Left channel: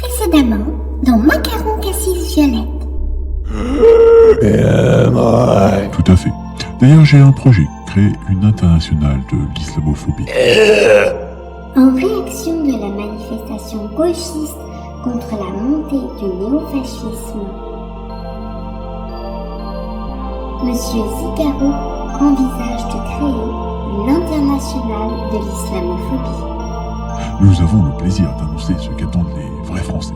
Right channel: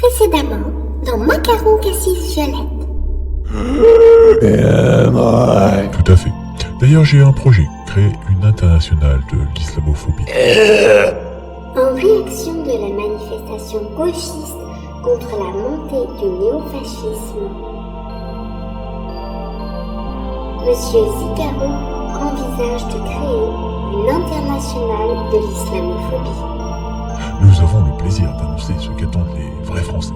Précédemment, dans Macaron Cassis Violette. Tout à fait. D'ailleurs, j'ai un projet, créer une internationale de l'islamophobie. En réaction de la manifestation gauchiste contre la montée du néofascisme, Monsieur Zicaro envisage de créer une internationale de l'islamophobie. Nous avons le plaisir d'annoncer ce qu'attendent les vrais Français.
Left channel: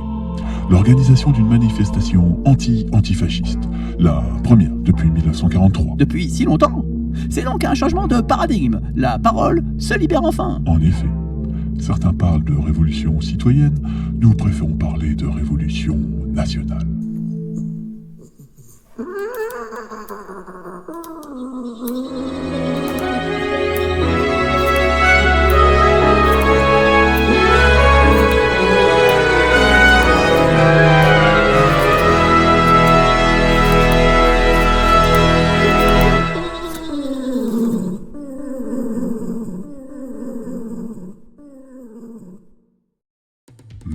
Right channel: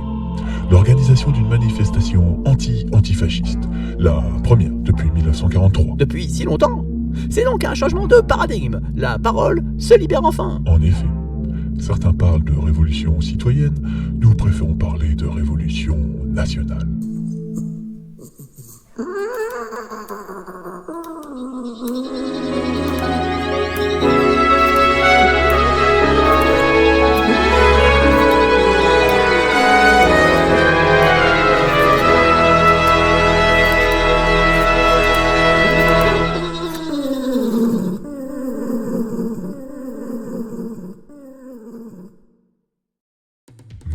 L'organisation d'une manifestation anti-antifasciste. La première depuis 1943. Depuis si longtemps. C'est donc un changement de paradigme. La parole se libère enfin. En effet, certains parlent de révolution citoyenne, nous préférons parler de révolution nationale.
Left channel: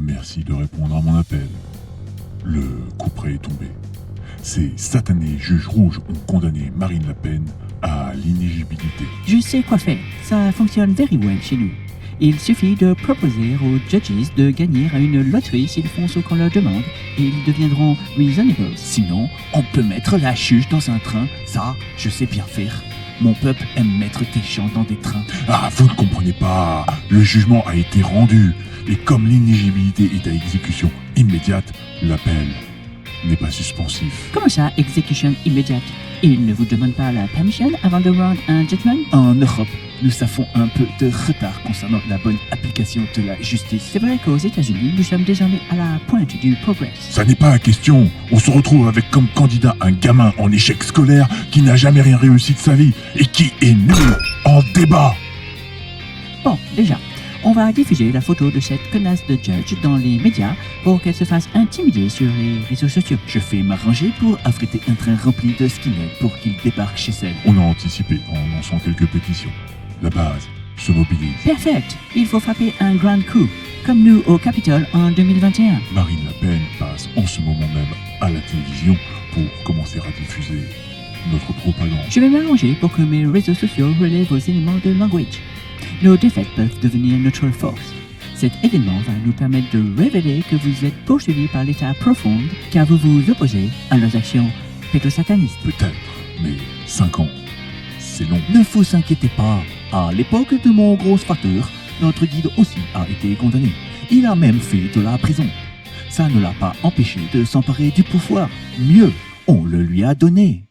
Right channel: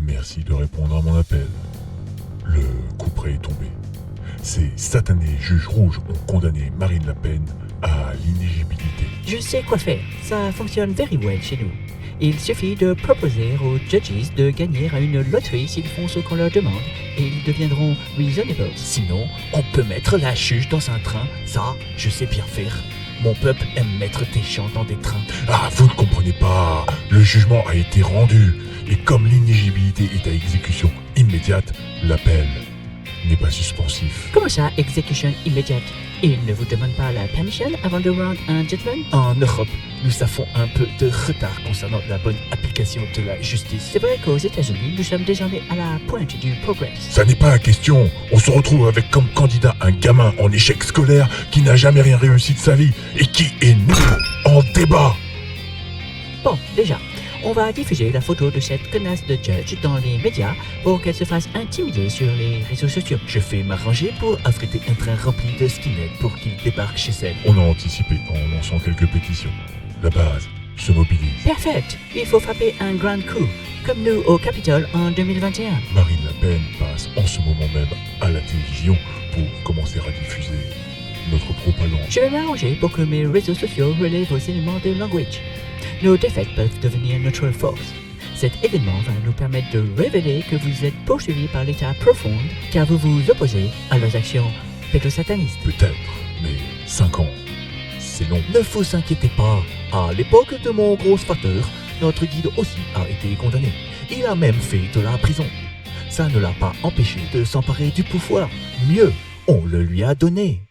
Merci de répondre à mon appel. Le couperet est tombé. Ces satanés juges rouges ont condamné Marine Le Pen à l'inéligibilité. Je sais quoi faire. Ça fonctionne very well chez nous. Il suffit de proposer aux judges de gagner à une loterie s'ils font ce qu'on leur demande et ils deviendront reasonable. Sinon, on peut mettre la juge dans un train. Ça, je sais bien faire. Mon peuple aime mettre des gens dans des trains. Ah, vous ne comprenez pas. Le jugement a été rendu. Et comme l'inéligibilité est à exécution immédiate, l'appel n'est pas suspensif. Comment ça, exécution immédiate? Ils ne vous demandent pas la permission avant de rendre un judgment? En Europe, nous avons un peu de retard concernant la bonne application de la justice. C'est vrai qu'aux États-Unis, nous sommes désormais à la pointe du progrès. Ça n'est pas la question. On se retrouve avec comme candidat un gamin en échec scolaire qui n'a jamais rien réussi de sa vie et qui est nul en débat. Bon, déjà, on va diffuser la photo de cette connasse de judge dans les médias pour qu'elle se fasse intimider sur les réseaux sociaux. Je vais m'arranger pour affréter un train rempli de skinheads pour qu'ils débarquent chez elle. On a anticipé en lançant quelques pétitions. La base se mobilise. Perfect. Il faut frapper un grand coup, comme nous au Capitole en 2021. Marine Le Pen passe en ce moment même à la télévision pour commencer à diffuser notre propagande. Je vais m'arranger pour que mes réseaux sociaux relèvent vos éléments de language. Nos défaites peuvent devenir notre force. Cet événement va nous permettre de révéler que vous êtes poursuivis par l'État profond car vous vous opposez à leurs actions pédosatanistes. Peut-être, mais 5 ans, c'est long. Ne vous inquiétez pas, à l'époque de mon gros facteur, notre guide aussi a été condamné. Il a même fait de la prison. Ça ne l'a pas empêché de s'emparer du pouvoir. Mieux, on le lui a donné.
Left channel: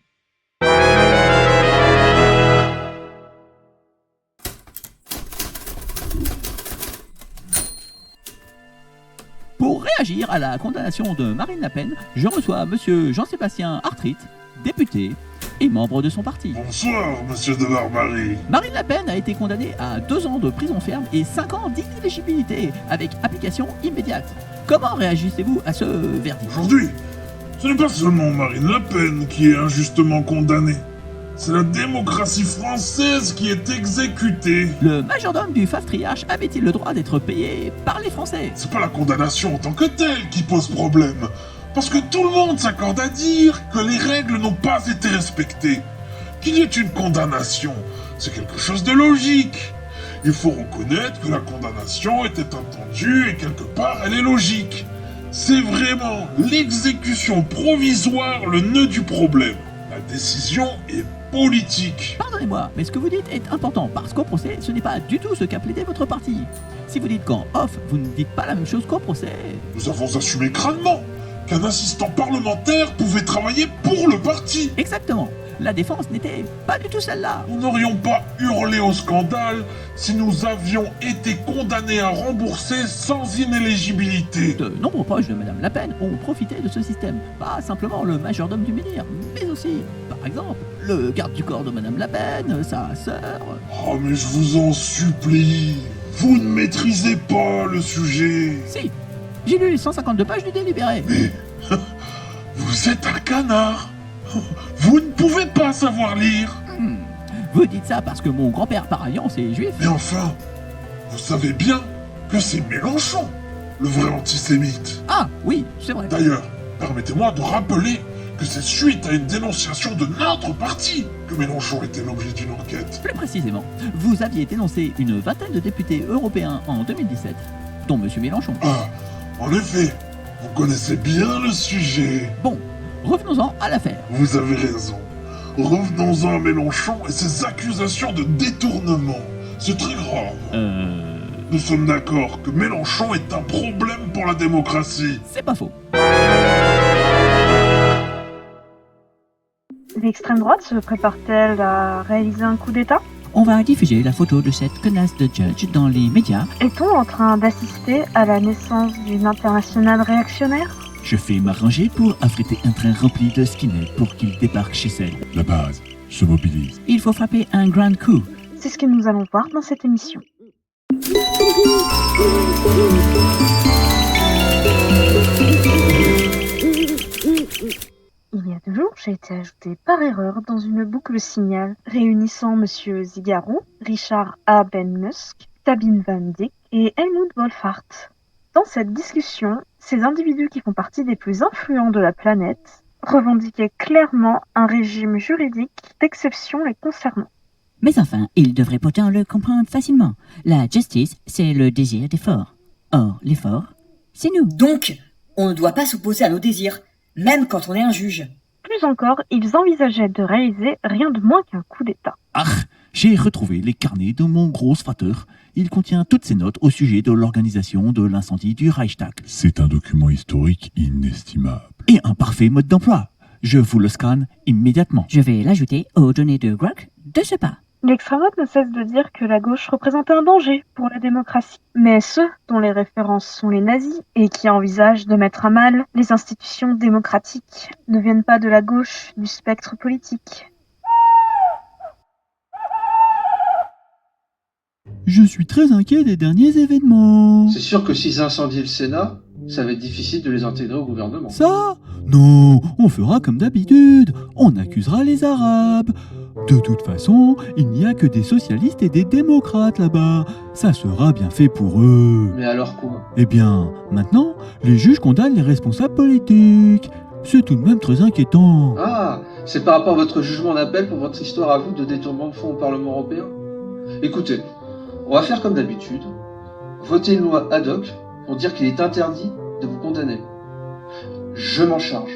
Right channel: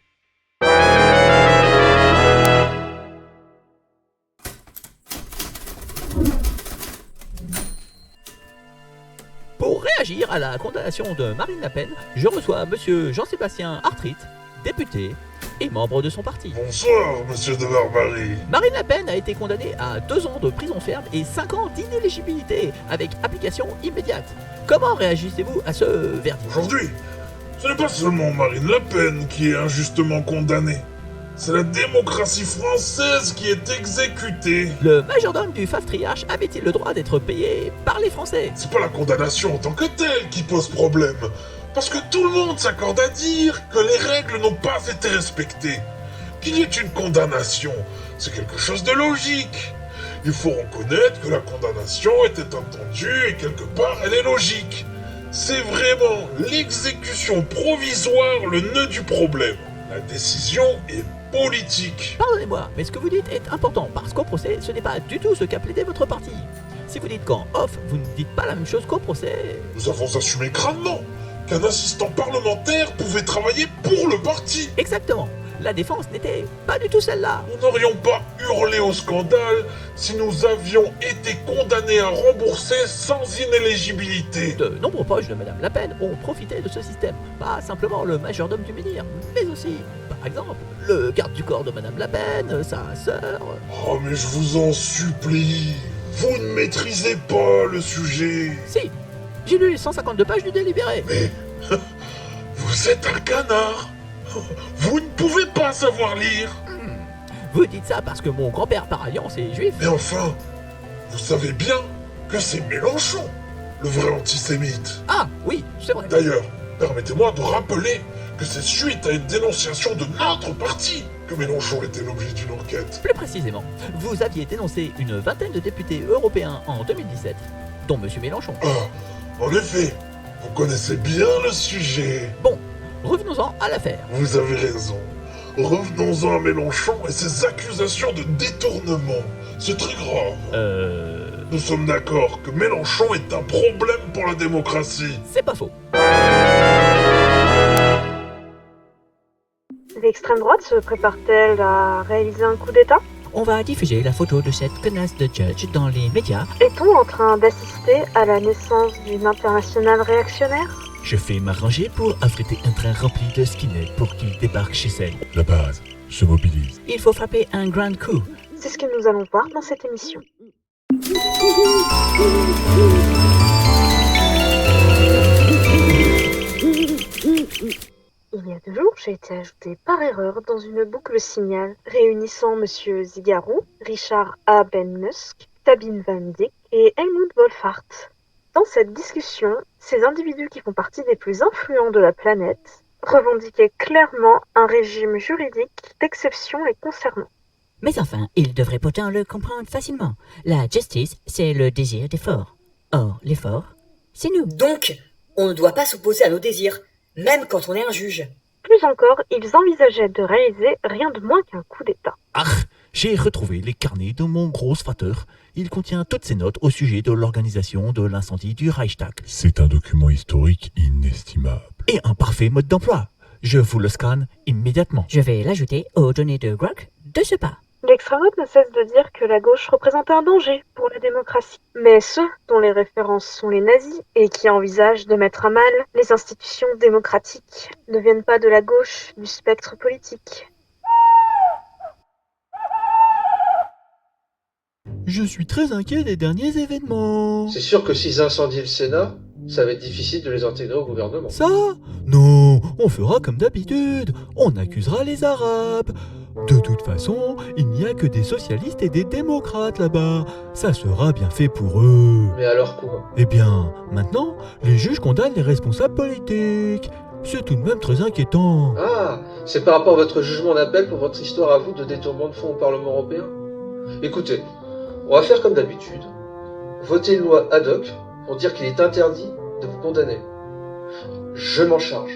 Pour réagir à la condamnation de Marine Le Pen, je reçois monsieur Jean-Sébastien Artrit, député et membre de son parti. Bonsoir, monsieur de Barbarie. Marine Le Pen a été condamnée à 2 ans de prison ferme et 5 ans d'inéligibilité avec application immédiate. Comment réagissez-vous à ce verdict? Aujourd'hui, ce n'est pas seulement Marine Le Pen qui est injustement condamnée. C'est la démocratie française qui est exécutée. Le majordome du Fastriarche avait-il le droit d'être payé par les Français? C'est pas la condamnation en tant que telle qui pose problème. Parce que tout le monde s'accorde à dire que les règles n'ont pas été respectées. Qu'il y ait une condamnation, c'est quelque chose de logique. Il faut reconnaître que la condamnation était attendue et quelque part elle est logique. C'est vraiment l'exécution provisoire le nœud du problème. La décision est politique. Pardonnez-moi, mais ce que vous dites est important parce qu'au procès, ce n'est pas du tout ce qu'a plaidé votre parti. Si vous dites qu'en off, vous ne dites pas la même chose qu'au procès. Nous avons assumé crânement qu'un assistant parlementaire pouvait travailler pour le parti. Exactement. La défense n'était pas du tout celle-là. Nous n'aurions pas hurlé au scandale si nous avions été condamnés à rembourser sans inéligibilité. De nombreux proches de Madame Le Pen ont profité de ce système. Pas simplement le majordome du menhir, mais aussi, par exemple, le garde du corps de Madame Le Pen, sa sœur. Oh mais je vous en supplie, vous ne maîtrisez pas le sujet. Si, j'ai lu les 152 pages du délibéré. Mais vous êtes un canard. Vous ne pouvez pas savoir lire. Vous dites ça parce que mon grand-père par alliance est juif. Mais enfin, vous savez bien que c'est Mélenchon le vrai antisémite. Ah, oui, c'est vrai. D'ailleurs, permettez-moi de rappeler que c'est suite à une dénonciation de notre parti que Mélenchon était l'objet d'une enquête. Plus précisément, vous aviez dénoncé une vingtaine de députés européens en 2017, dont M. Mélenchon. Ah, en effet, vous connaissez bien le sujet. Bon, revenons-en à l'affaire. Vous avez raison. Revenons-en à Mélenchon et ses accusations de détournement. C'est très grave. Nous sommes d'accord que Mélenchon est un problème pour la démocratie. C'est pas faux. L'extrême droite se prépare-t-elle à réaliser un coup d'État? On va diffuser la photo de cette connasse de Judge dans les médias. Est-on en train d'assister à la naissance d'une internationale réactionnaire? Je fais m'arranger pour affréter un train rempli de skinheads pour qu'ils débarquent chez elle. La base se mobilise. Il faut frapper un grand coup. C'est ce que nous allons voir dans cette émission. Il y a 2 jours, j'ai été ajouté par erreur dans une boucle signal réunissant Monsieur Zigarou, Richard A. Ben Musk, Sabine Van Dijk et Helmut Wolfhard. Dans cette discussion, ces individus qui font partie des plus influents de la planète revendiquaient clairement un régime juridique d'exception les concernant. Mais enfin, ils devraient pourtant le comprendre facilement. La justice, c'est le désir des forts. Or, les forts, c'est nous. Donc, on ne doit pas s'opposer à nos désirs, même quand on est un juge. Plus encore, ils envisageaient de réaliser rien de moins qu'un coup d'État. Ah, j'ai retrouvé les carnets de mon gros frateur. Il contient toutes ces notes au sujet de l'organisation de l'incendie du Reichstag. C'est un document historique inestimable. Et un parfait mode d'emploi. Je vous le scanne immédiatement. Je vais l'ajouter aux données de Grok de ce pas. L'extrême droite ne cesse de dire que la gauche représente un danger pour la démocratie. Mais ceux dont les références sont les nazis et qui envisagent de mettre à mal les institutions démocratiques ne viennent pas de la gauche du spectre politique. Je suis très inquiet des derniers événements. C'est sûr que s'ils incendient le Sénat, ça va être difficile de les intégrer au gouvernement. Ça? Non, on fera comme d'habitude. On accusera les Arabes. De toute façon, il n'y a que des socialistes et des démocrates là-bas. Ça sera bien fait pour eux. Mais alors quoi? Eh bien, maintenant, les juges condamnent les responsables politiques. C'est tout de même très inquiétant. Ah, c'est par rapport à votre jugement d'appel pour votre histoire à vous de détournement de fonds au Parlement européen? Écoutez, on va faire comme d'habitude. Voter une loi ad hoc pour dire qu'il est interdit de vous condamner. Je m'en charge.